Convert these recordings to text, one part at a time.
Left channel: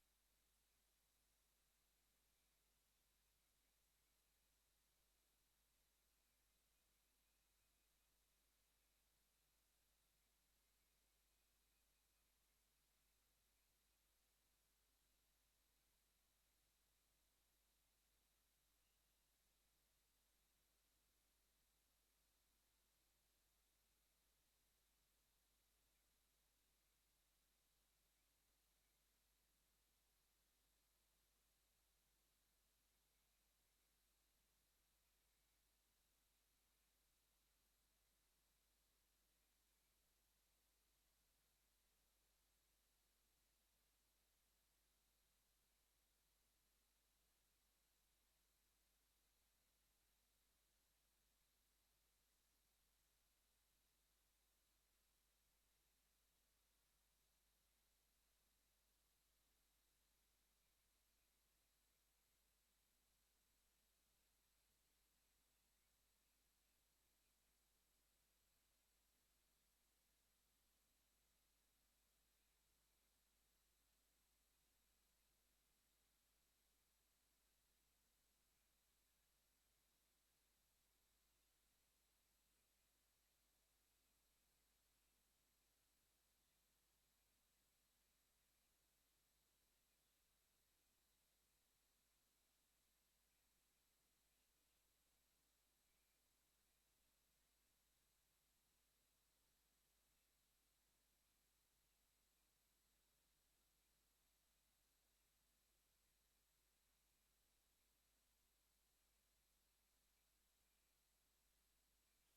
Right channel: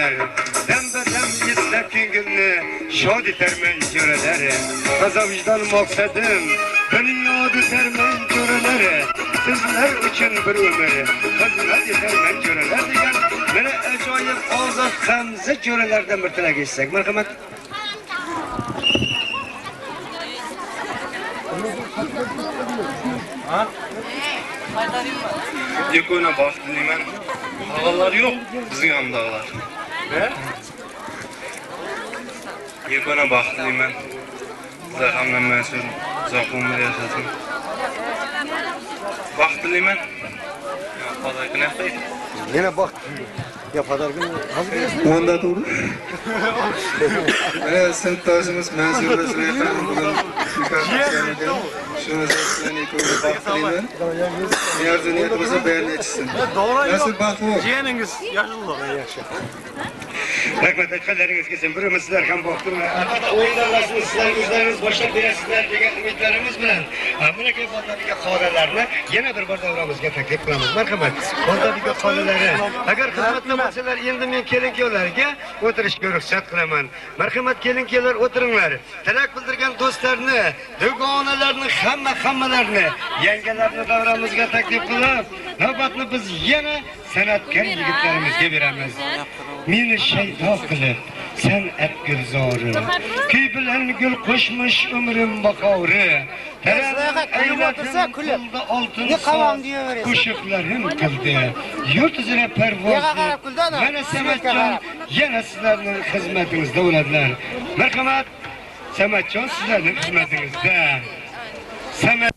Dem yetlep ko'ngilni shod etarman jo'ralari. Toza vijdon maqsadim, dunyod etarman jo'ralari. Sizlar uchun bir umr, xizmat etarman jo'ralar degan mana ajoyib ozod Hamza jo'ralardan bir tilak etsak. Marhamat. Ha? Yekona baxtliman. Ağalar yo'q, bizning ham dağlar. Ne? Yekona baxtliman. Zahamdan mas'ul, uzoq umr yashasin. Baxtliman. Xudo qilsin. Yana baxt. Ya padar günü hazır mısın? Onda doğru. Evet, sınıftaşımız Mansur Resul'den bugün mükaffatlandı. Şunu zaten ko'rib baxtliman. Yarın niyetimizni bayon etsin. Nasıl baxt bu? Jiyaningiz yaxshi. Yaxshi. Rahmat aytganlaringiz kelsin. Birimiz sizlar ham baxtlilar. O'yinlarni sizlar o'zlaringiz boshlab berasizlar degan umidlarimiz bilan Amerika bozoriga qoralarni yana bir bor davramizga taklif qilamiz. Marhamat, bozoriga qoralari. Agar xizmatda bo'lsalar, endi men kelin-kuyovlarga o'tirishga ruxsat qilaman. Marhamat, kelin-kuyovlar o'tiringlar. Tilak bildirgan do'stlarni, dugonalarni, hammalarni, yangalarni davramizga taklif qilib, navbatni biz yana san'atkor yigitlarimizga beramiz. Meni shaydo qilib, san'at gulzori, kuy bilan gul qo'shmish umrim baqori. Taraga kulib o'tirsa kulib, ne qavam deyaverasiz. Qo'shiqlarim qildi, yurt uzra parvozda. Mana Samatjon yana sizlarning xizmatingizda bo'ladilar. Marhamat, Samatjon sizlarning xizmatingizda. Samat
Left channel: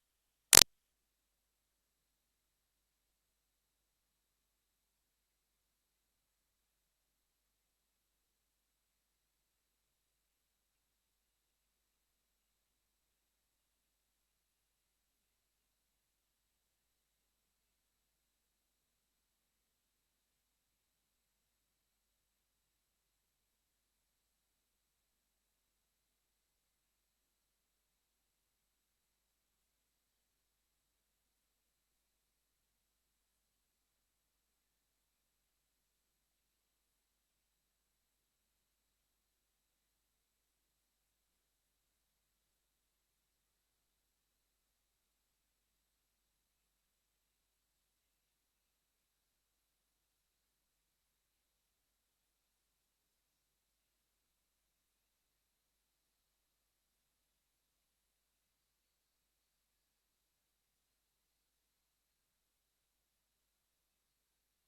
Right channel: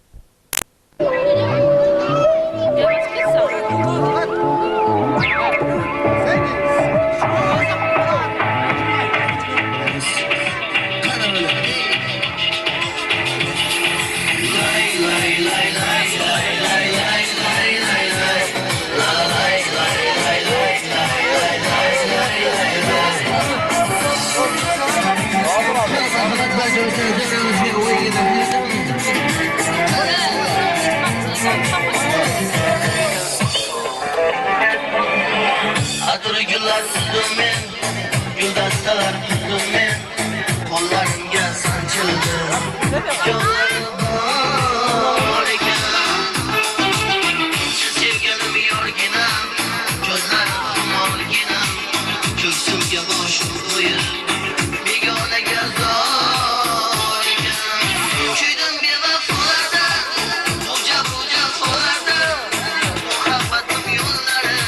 Güllar tuzdum men, güldastalar tuzdum men, qo'llarimga sanchildi, jonlarim bor ekan. Sevganim yorginam, ko'zlarim morginam, ko'ksimga boshim qo'yib, begonaga zor ekan. Kuydim bevafolarda, xo'ja qo'larda, muhabbatim yo'llari.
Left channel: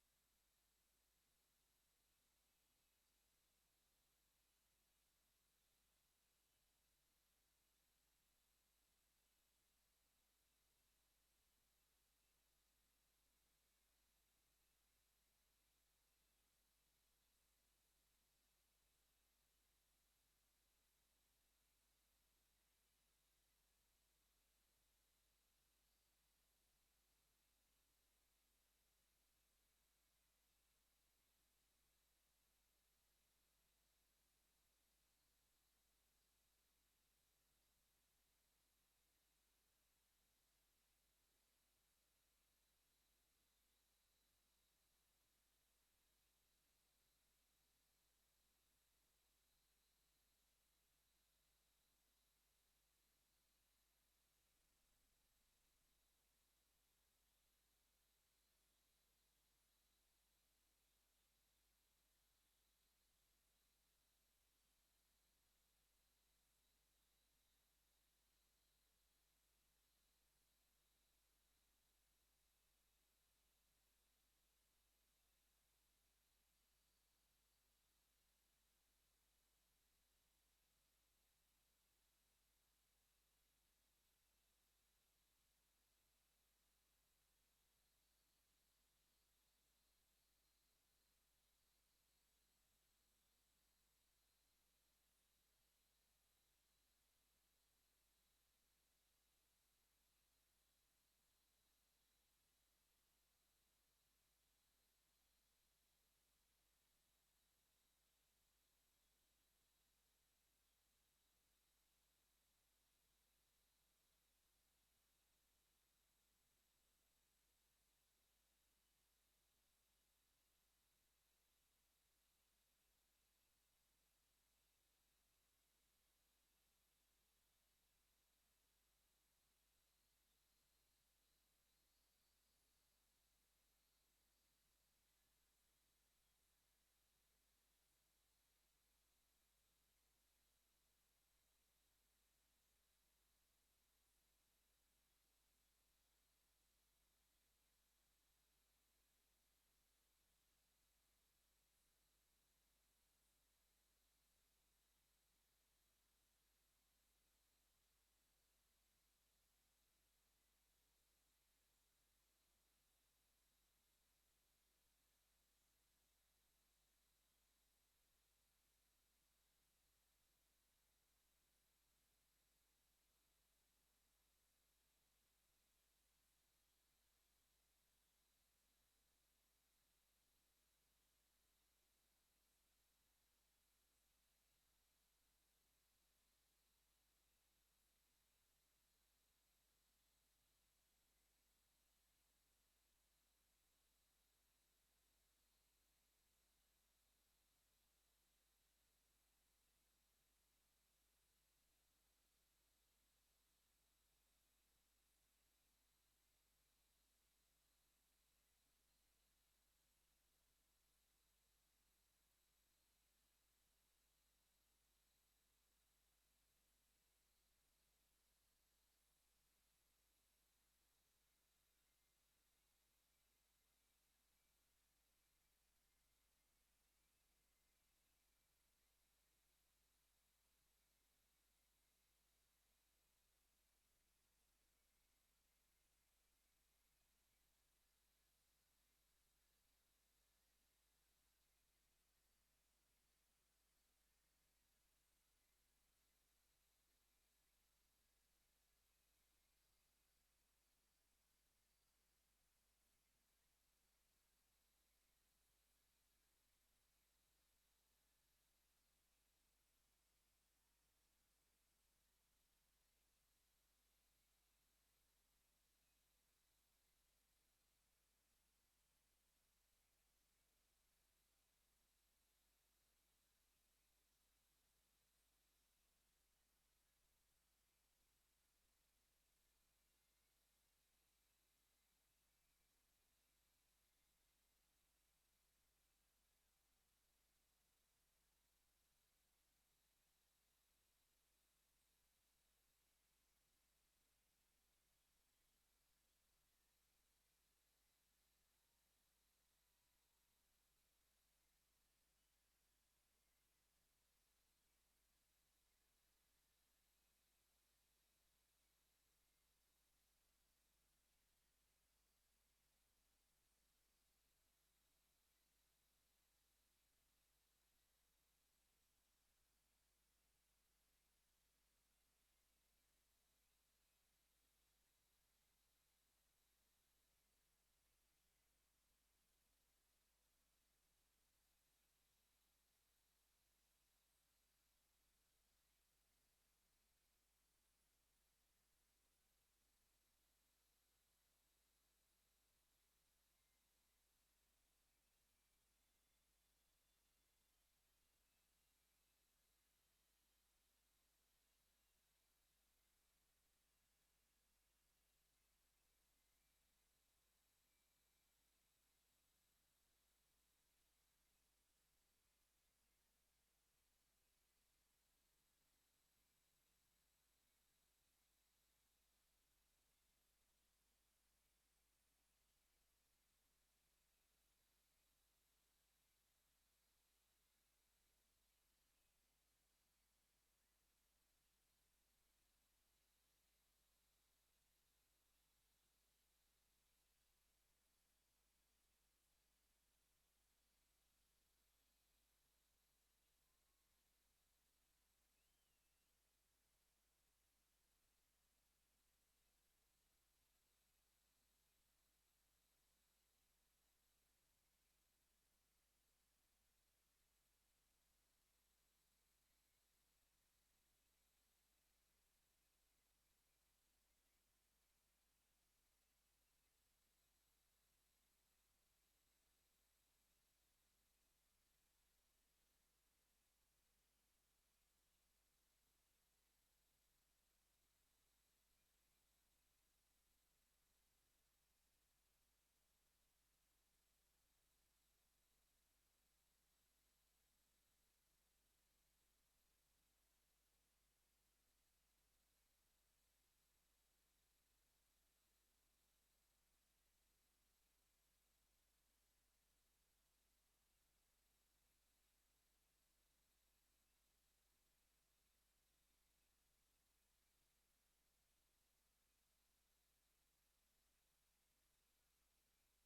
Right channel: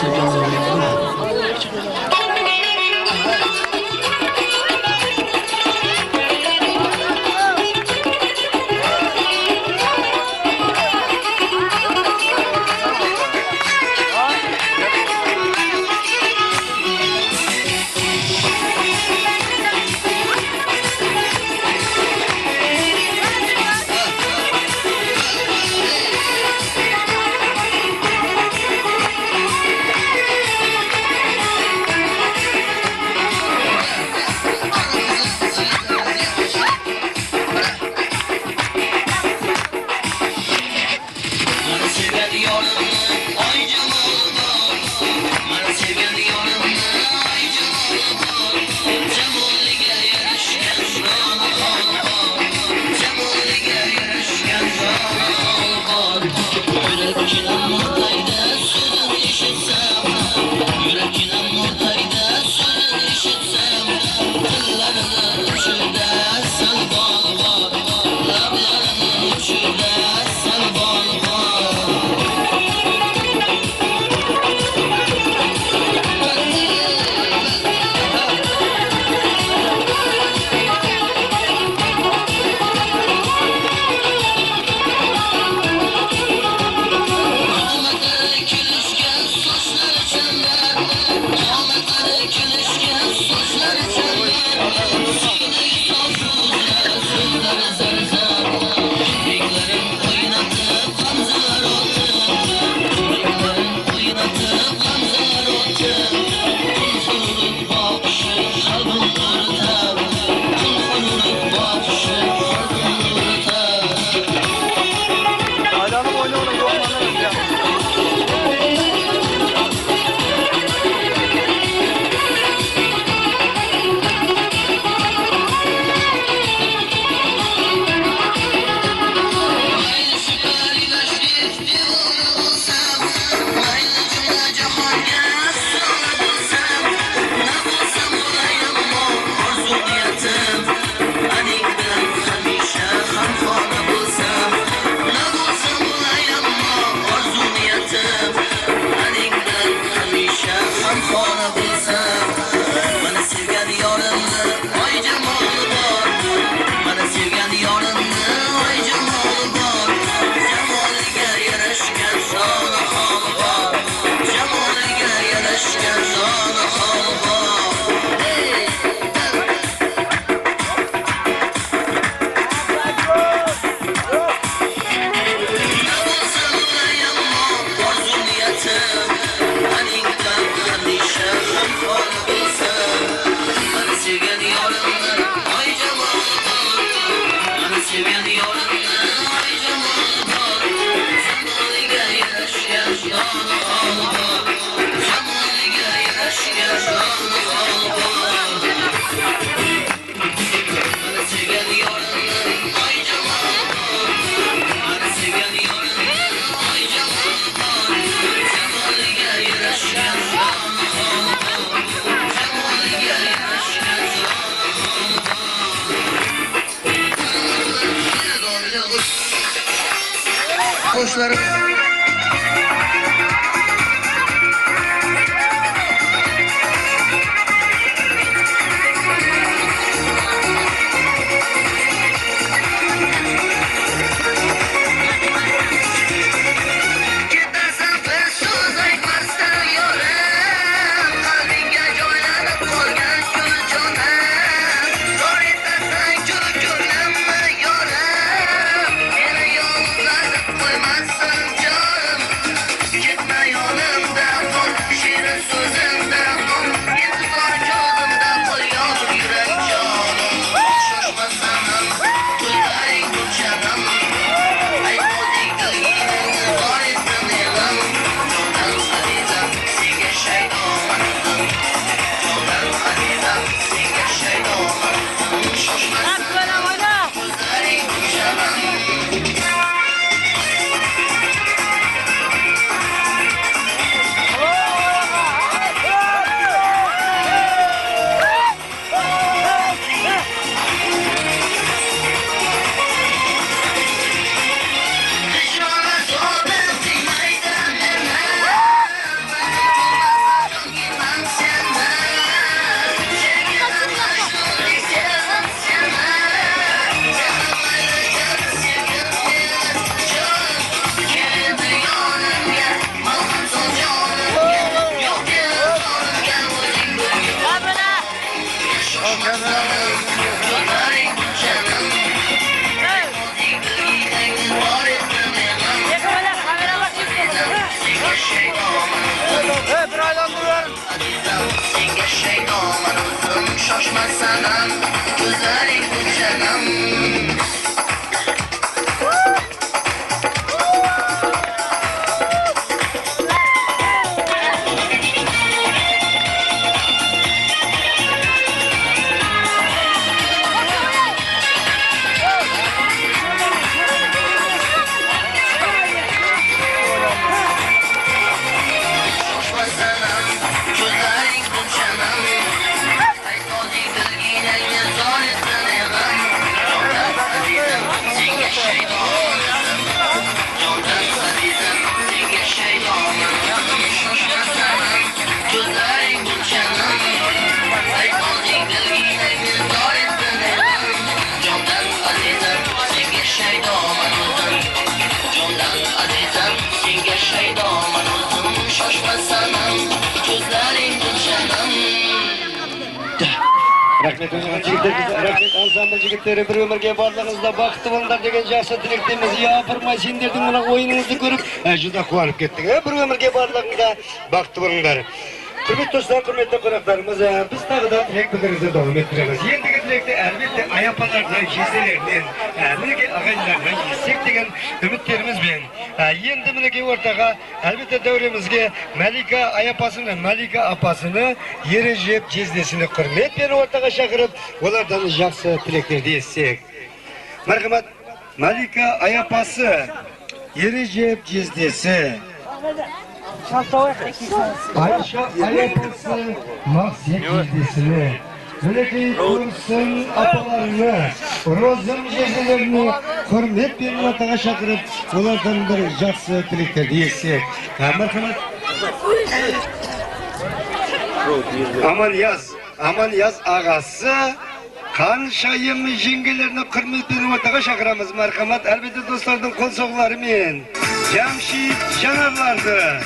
Sevgili yarashgan joni holva. Qo'shlarım Ketarsan bir so'z aytmasdan yo'rim, qalbingga joylanib qolgan gul jonim. Zor etasan ko'klamni yo'rim, meni yolg'izlatib qo'ymassan jonim. Ketma yonimdan qol, shirin so'zimdan qol, intizor ko'zimda qol, yonib yurak jonim. Shoshmasan ham, ko'zlaring gulshanam. Aytmoqdek dilingni bor etdim elim. Jondan azizam, senga shaydomandim. Jondan azizam, senga shaydomandim. Shoshmasan, ko'zlaring gulshanam. Senga shaydomandim, shoshmasan ham, ko'zlaring gulshanam. Shoshmasan ham, ko'zlaring gulshanam. Aytmoqdek dilginangni zor etdim elim. Jondan azizam, senga shaydomandim. Jondan azizam, senga shaydomandim. Shoshmasan ham, ko'zlaring gulshanam. Aytmoqdek dilginangni zor etdim elim. Jondan azizam, senga shaydomandim. Jondan azizam, senga shaydomandim. Shoshmasan ham, ko'zlaring gulshanam. Rahmet ansambl jigitleri bir ömürge barlarınızda baktı bunlar degen жақсы тілектеміз. Япырмай сендердің мына ойыныңызды көріп, juda қуанып кеттік. Bir ömürge barlarında baktı bunlar. Құрметті достар, құрметті қонақтарымыз, біз тағы да тілек білдіруді давам еттіреміз. Ендігі тілекті әлбетте аяпаларынан, жезделерінен, мінеке ағайындарынан естек деген үміттерімізбен. Енді мінеке ортаға әлбетте дәуремізге Мәлика аяпасыны, Мәлика апасыны, Ережеп жездесіні құрметпен ортаға шақырып, олардан жақсы тілектерді естек. Мархамат, Мәлика аяпасы, Ережеп жездесі, Ayşe ayapası Mahsiyet jildesini, Müleki Kursun apalarını, Rozum jezelerini hürmet bir ortağa şakırıp, onlardan bir жақсы тілектер diyesek. Marhamat. Aman yaz ağası, Kanşayım jengelerini hürmet bir ortağa şakıramız. Marhamat, elbette dostlardan kol soğularымен, Jamşit Janarlardı.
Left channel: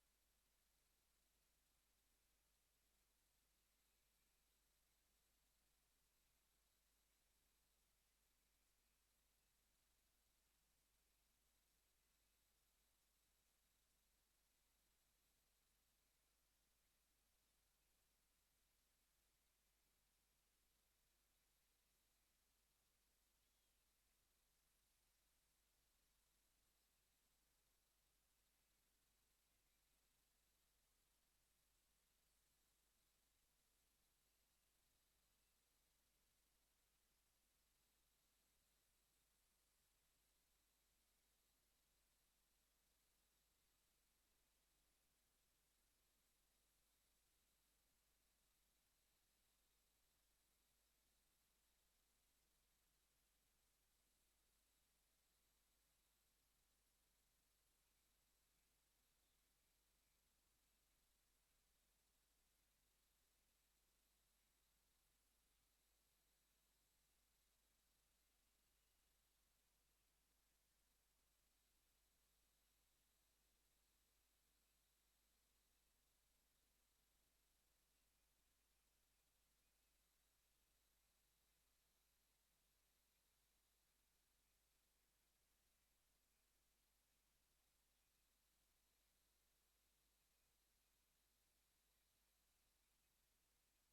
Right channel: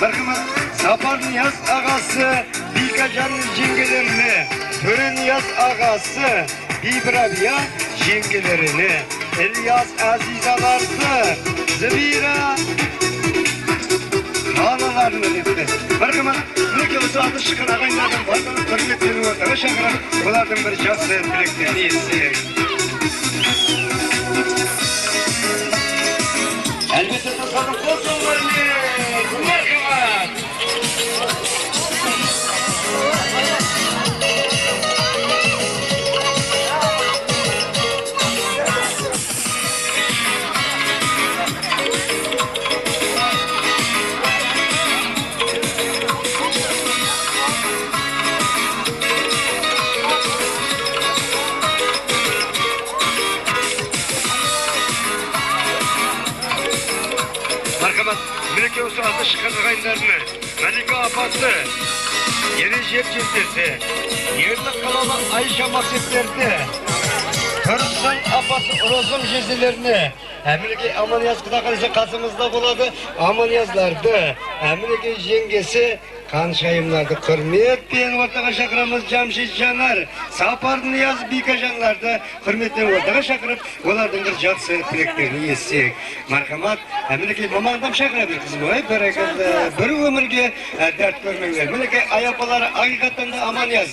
Marhamat, Sapar Niyaz ağası Bikacan'ın jingelerini, Töre Niyaz ağası İbrahim'ya jingelerini, İlyas Azizalardı, Zebira Ağlalarını etti. Barkıma, ne olsa adı çıkan ağaylardan vardan hürmetlerini ortaya şakarak, onlardan bir şahsı dileklerini etsin. Elbette tasarruf olsunlarını, barkıma. Markamat, Melike olsa adı çıkan ağaylarını, Melike apası, yeri jet cildesi, yerine kalan Ayşe masetlerdi, Kırsan apası rozum jezilerini, Melike ameliyat kıdakası kasımızda buladı, ameliyatlardı, Melike jengesi, Kanşayımlardı, hürmet bilen ortaga şakıramız Cemşit Caner, Sapar Niyaz Bikajanlardı, hürmetten ortaga şakırıp, onlardan bir jatsı tileklerini yetsek. Marhamat, Melike mamandan şakırabilir kızım, bir ömürge dert görmekler. Melike ayapaları hakikaten de aman yaz.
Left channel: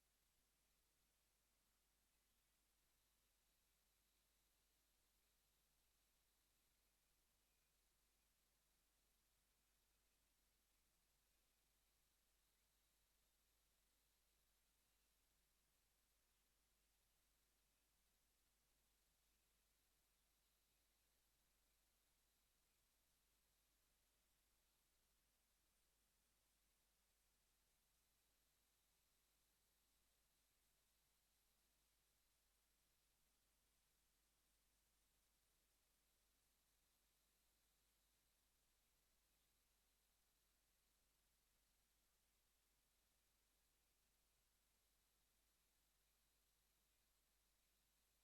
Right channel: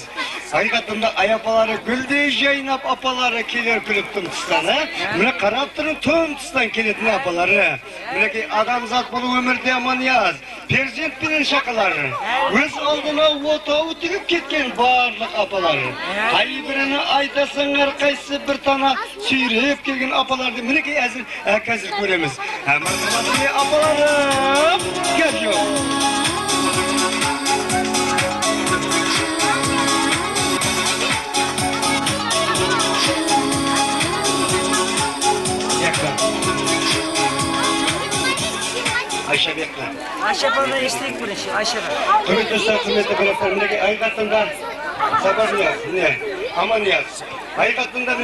Hakikaten de ayapaları güldü, Zeynep apaları kelir külüp tüm tüstana. Melike karaptırın tüm tüstan kelit ne apaları. Melike adamzat bunu ömürde aman yaz. Perzent bilen şakaları. Öz aldına otağı tügüp ketken barlık apaları. Hay birini aytasınlar kaysı bir tane süyreyip kelgen apalardı. Melike hazır göremiz. Marhamatlı apalarım geliyor. Ayşe bekle. Ayşe bana istek burası, Ayşe bana. Kırık üstad kıymetli bıraklarımdaki ayıkatında sabah niyaz, ne? Aman niyaz. Ayıkatında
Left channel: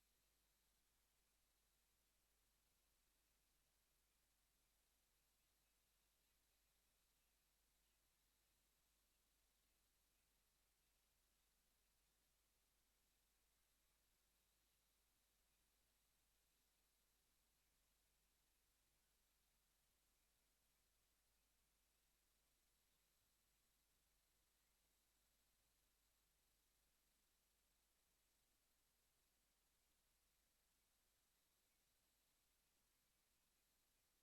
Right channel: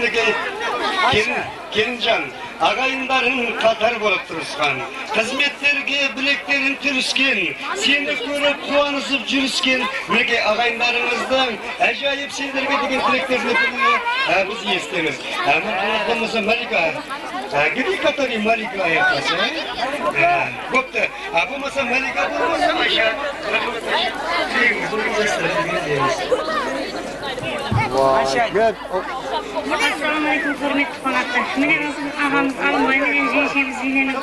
gelincan, ağayınların katar bolup turuskan. Hizmetlerge bileklerin türüsken, seni görüp kuanısıp jürüsken, nege ağayınlarınızdan acayip şeylerge degen tileklerini biz istemiz. Ama konumuzda Malika, gidi katari Malika ayakası. Boptu, bu masa Malika bulmasa aşağı. Gel. Assalamu alaikum hürmetli konaklar. Mene ağamız alınmayı, mene jeyşemiz ziyneni.